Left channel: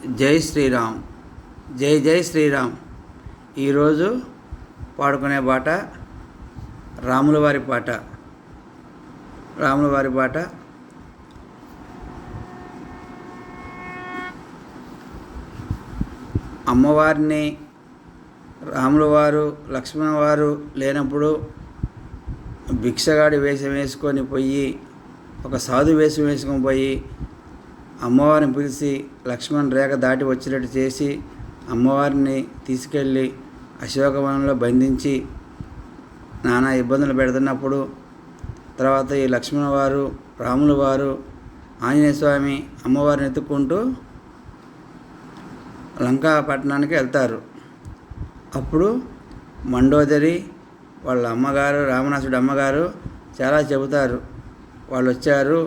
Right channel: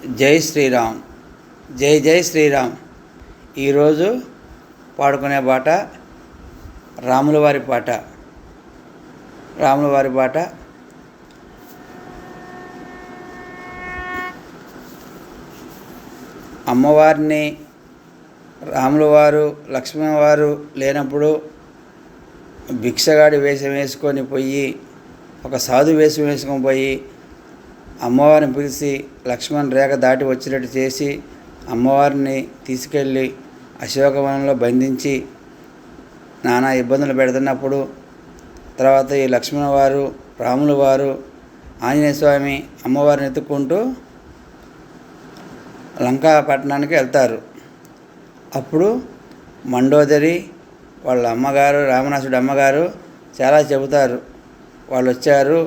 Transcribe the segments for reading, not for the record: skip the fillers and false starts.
జై శ్రీరామ్. జై జై శ్రీరామ్. ఈరోజు పాడుకునే పాట రాముల వారి పాట. అమ్మవారిని రాముల వారు లక్ష్మణ వారు లేనప్పుడు భిక్షగాడి వేషం వేసుకొని పోయి, ఒక సాధు వేషం వేసుకొని పోయి అమ్మవారిని పిలిచి లక్ష్మణ్ రేఖ దాటి వచ్చినట్టు చేసి అమ్మవారిని తీసుకెళ్ళి అశోకవనంలో బంధించి నానా ఇబ్బందులు పెడుతున్నప్పుడు తర్వాత ఈ లక్ష్మణ వారు రాముల వారు ఆంజనేయ స్వామి అమ్మవారిని ఎత్తుక్కుంటూ లంకా పట్టణానికి వెళ్తారు. అప్పుడు మండోదరి వాళ్ళ అమ్మగారు, రావణాసుడి అమ్మగారు చాలా చెబుతారు, వాళ్ళు వచ్చారు,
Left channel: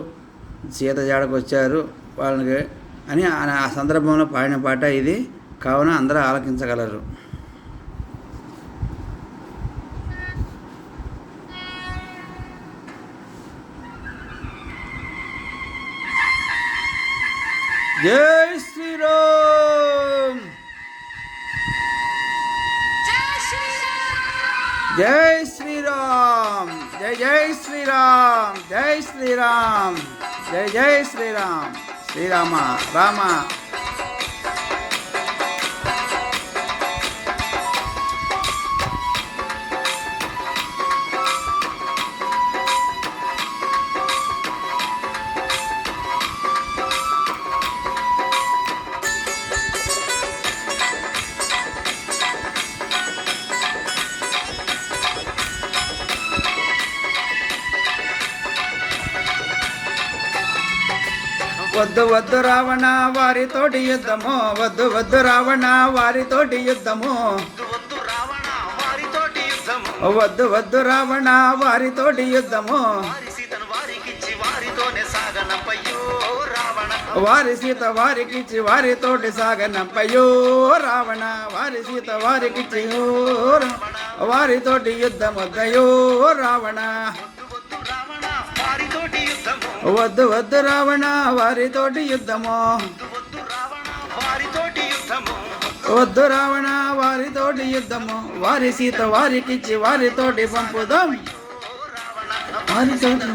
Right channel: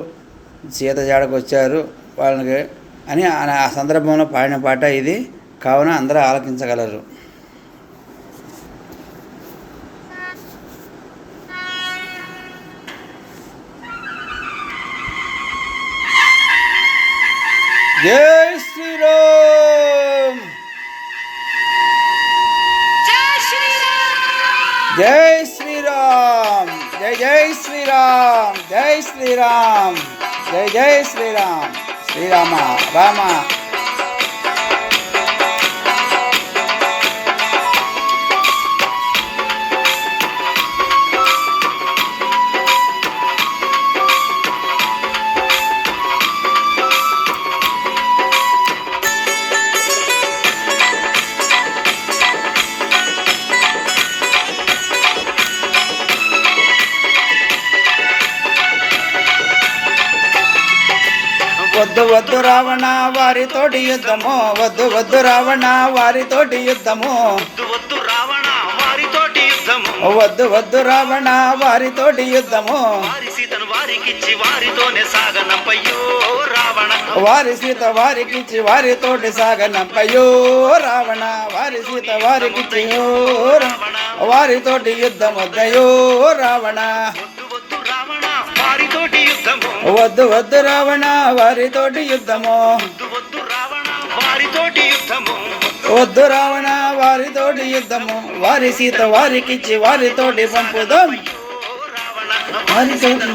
సీత జాడకు వచ్చారు వాళ్ళకి అని ఆ సందర్భంలో పాడిన పాట ఇది. కావున అందరూ ఆలకించగలరు. జై శ్రీరామ్. జై శ్రీరామ్. జై జై శ్రీరామ్. జై శ్రీరామ్. జై జై శ్రీరామ్. శ్రీరామ రామ. వద్దు వద్దు రావణ వారితోటి యుద్ధము, వద్దు వద్దు రావణ వారితోటి యుద్ధము, వద్దు వద్దు రావణ వారితోటి యుద్ధము, వారి సీత వారికిచ్చి వారితోటి సాగనంపయ్యో రావణ, వారి సీత వారికిచ్చి వారితోటి యుద్ధమొద్దయో రావణ. వద్దు వద్దు రావణ వారితోటి యుద్ధము, వద్దు రావణ వారితోటి యుద్ధము, వారి సీత వారికిచ్చి వారితోటి పంపుదాం, వారితోటి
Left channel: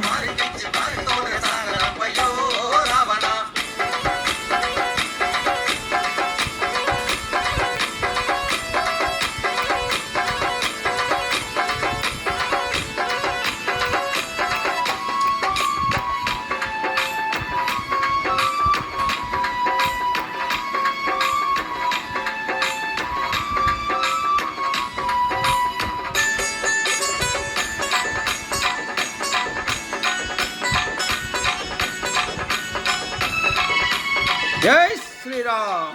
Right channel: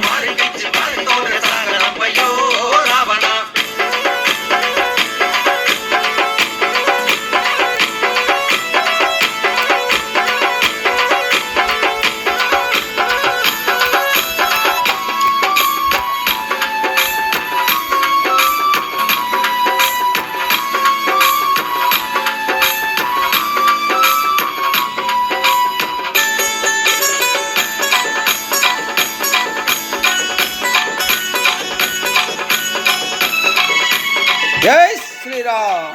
జై శ్రీరామ్.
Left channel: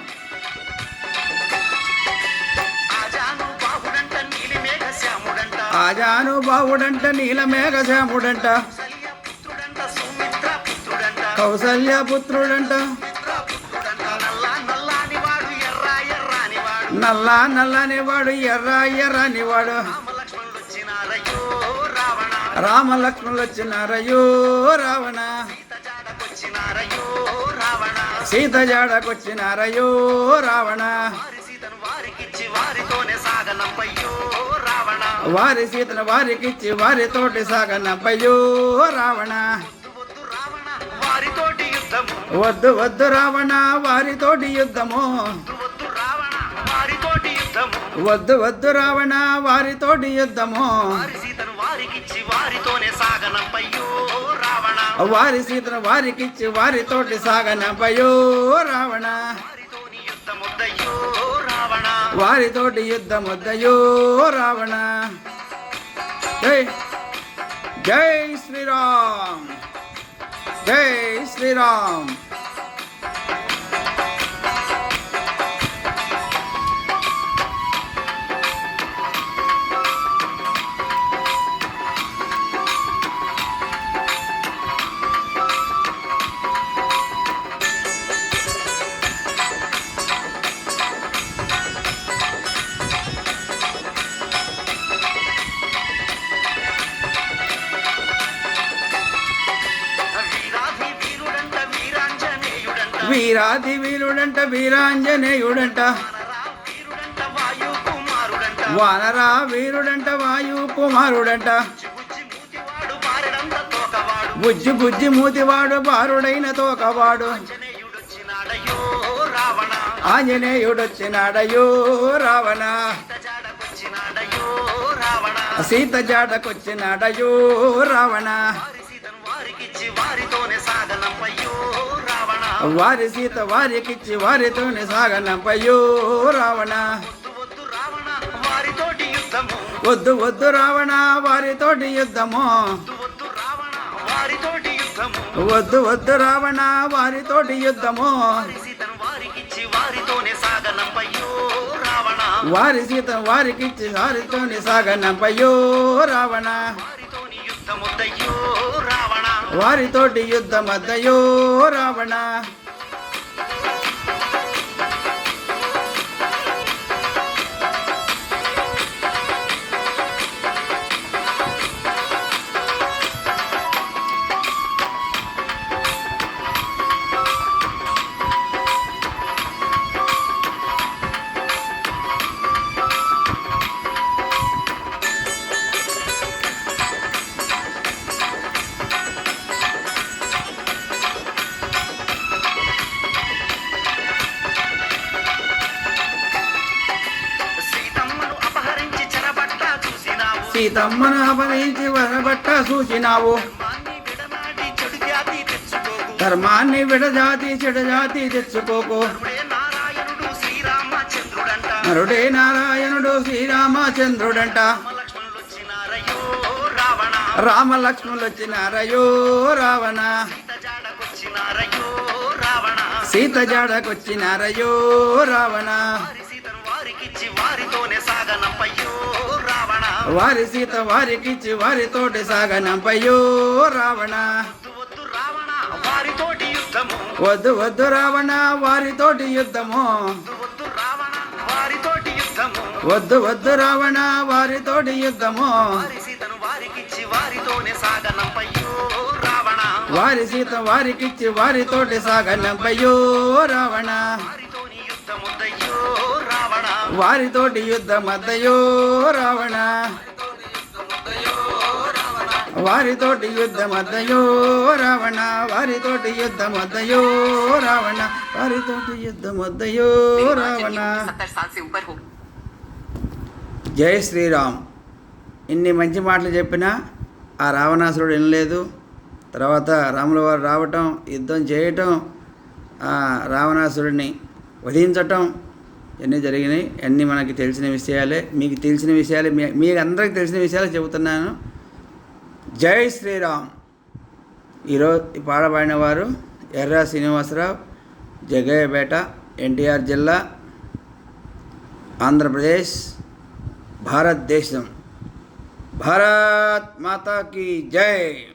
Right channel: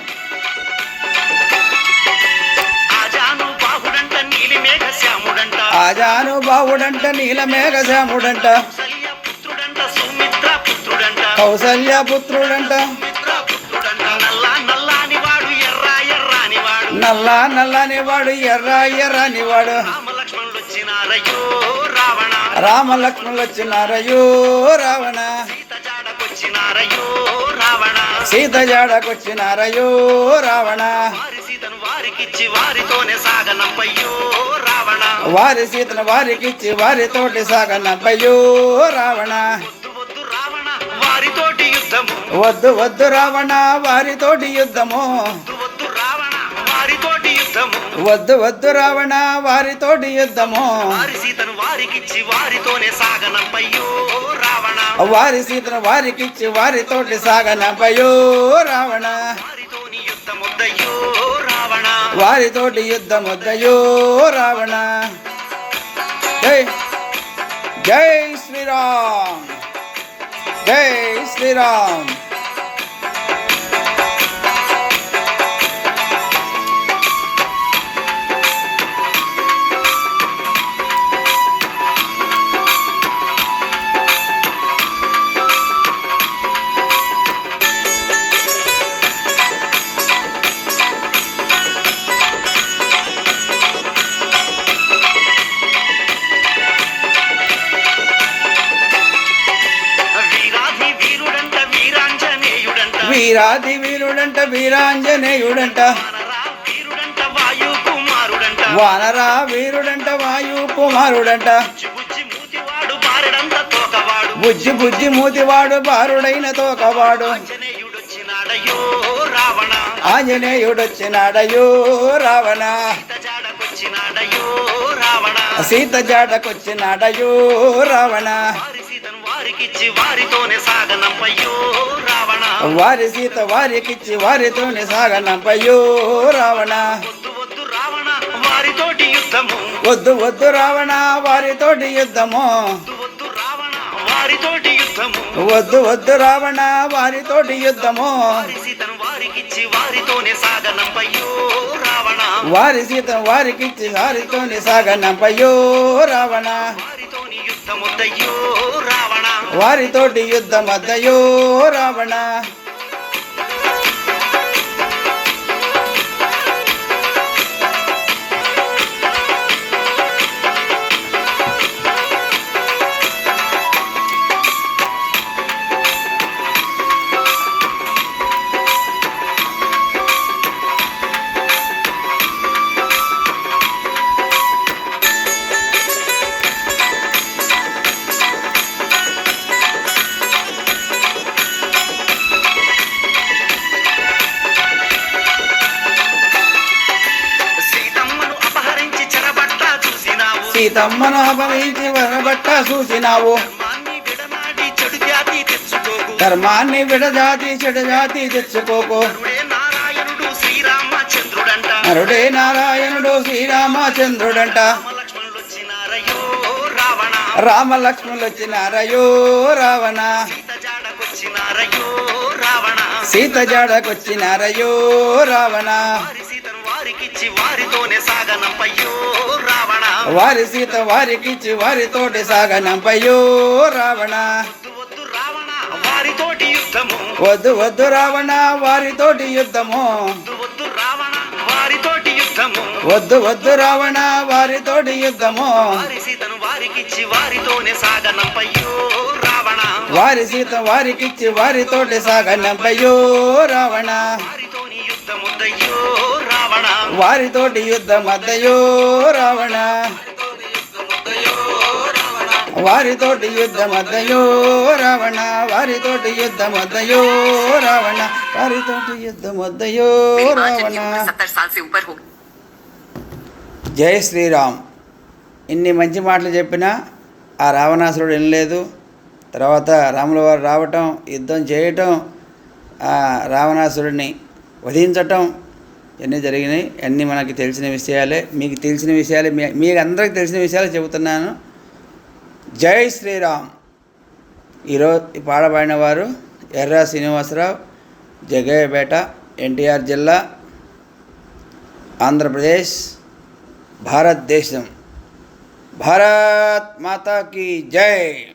ఆజాను బావుడంట నీలమేఘ శ్యాముడంట, కౌసల్య పుత్రుడంట, నల్లా నల్లని వాడు ఎర్ర ఎర్రని వాడు, రామ లక్ష్మణులు వచ్చినారయ్యో రావణ, సీత జాడకొచ్చినారయ్యో రావణ, వారి సీతను వారికిచ్చి వారితోటి సాగనంపయ్యో రావణ. వద్దు వద్దు రావణ వారితోటి యుద్ధము, వద్దు వద్దు రావణ వారితోటి యుద్ధము, వారి సీతను వారికిచ్చి వారితోటి సాగనంపయ్యో రావణ, వారితోటి యుద్ధమొద్దయో రావణ. జై జై శ్రీరామ్. జై శ్రీరామ్. వీరాంజ వీరుడంట వీరాంజనేయుడంట వానరా వీరుడంట వాయు కుమారుడంట బుజ్జి బుజ్జి మూతివాడు బారుడైన తోకవాడు ఆంజనేయుడొచ్చినాడయో రావణ సీత జాడకొచ్చినాడయో రావణ వారి సీత వారికిచ్చి వారితోనే సాగనంపయ్యో రావణ వద్దు వద్దు రావణ వారితోటి యుద్ధము వద్దు వద్దు రావణ వారితోటి యుద్ధము వారి సీత వారికిచ్చి వారితోని సాగనంపయ్యో రావణ వారితోటి యుద్ధమద్దయో రావణ సీతమ్మను అపహరించి వరబట్ట చూసినావు ధర్మాన్ని విడజాతి చెడుజాతి తెచ్చుకోకు నరుడే నారాయణుడు శ్రీరామచంద్రుడంట రామలక్ష్మణులు వచ్చినారయో రావణ సీత జాడకొచ్చినారయో రావణ వారి సీత వారికిచ్చి వారితోటి సాగనంపయ్యో రావణ వద్దు వద్దు రావణ వారితోటి యుద్ధము వద్దు వద్దు రావణ వారితోటి యుద్ధము వారి సీత వారికిచ్చి వారితోటి సాగనంపయ్యో రావణ వారితోటి యుద్ధమద్దయో రావణ వారితోటి యుద్ధమద్దయో రావణ వారితోటి యుద్ధమద్దయో రావణ వారితోటి యుద్ధమద్దయో రావణ జై శ్రీరామ్. ఇన్ని మంచి మాటలు చెప్పినా ఆ రావణాసురుడు వినలేదు. తర్వాత రాముల వారు రావటం, యుద్ధం చేయటం, రావణాసురుడిని వధించటం ఇవన్నీ జరిగినాయి. అన్నీ మనకి తెలిసిన విషయాలే, మీకు తెలిసిన విషయాలే, మీకు అందరికి తెలిసిన విషయాలు చెబుతున్నాను. జై శ్రీరామ్. ఈరోజు పాడబడిన వారు ఎర్రా శ్రీనివాసరావు, జగ్గయ్యపేట, ఎన్టీఆర్ జిల్లా, ఆంధ్రప్రదేశ్, భారతదేశం. భారత్ మాతా కీ జై.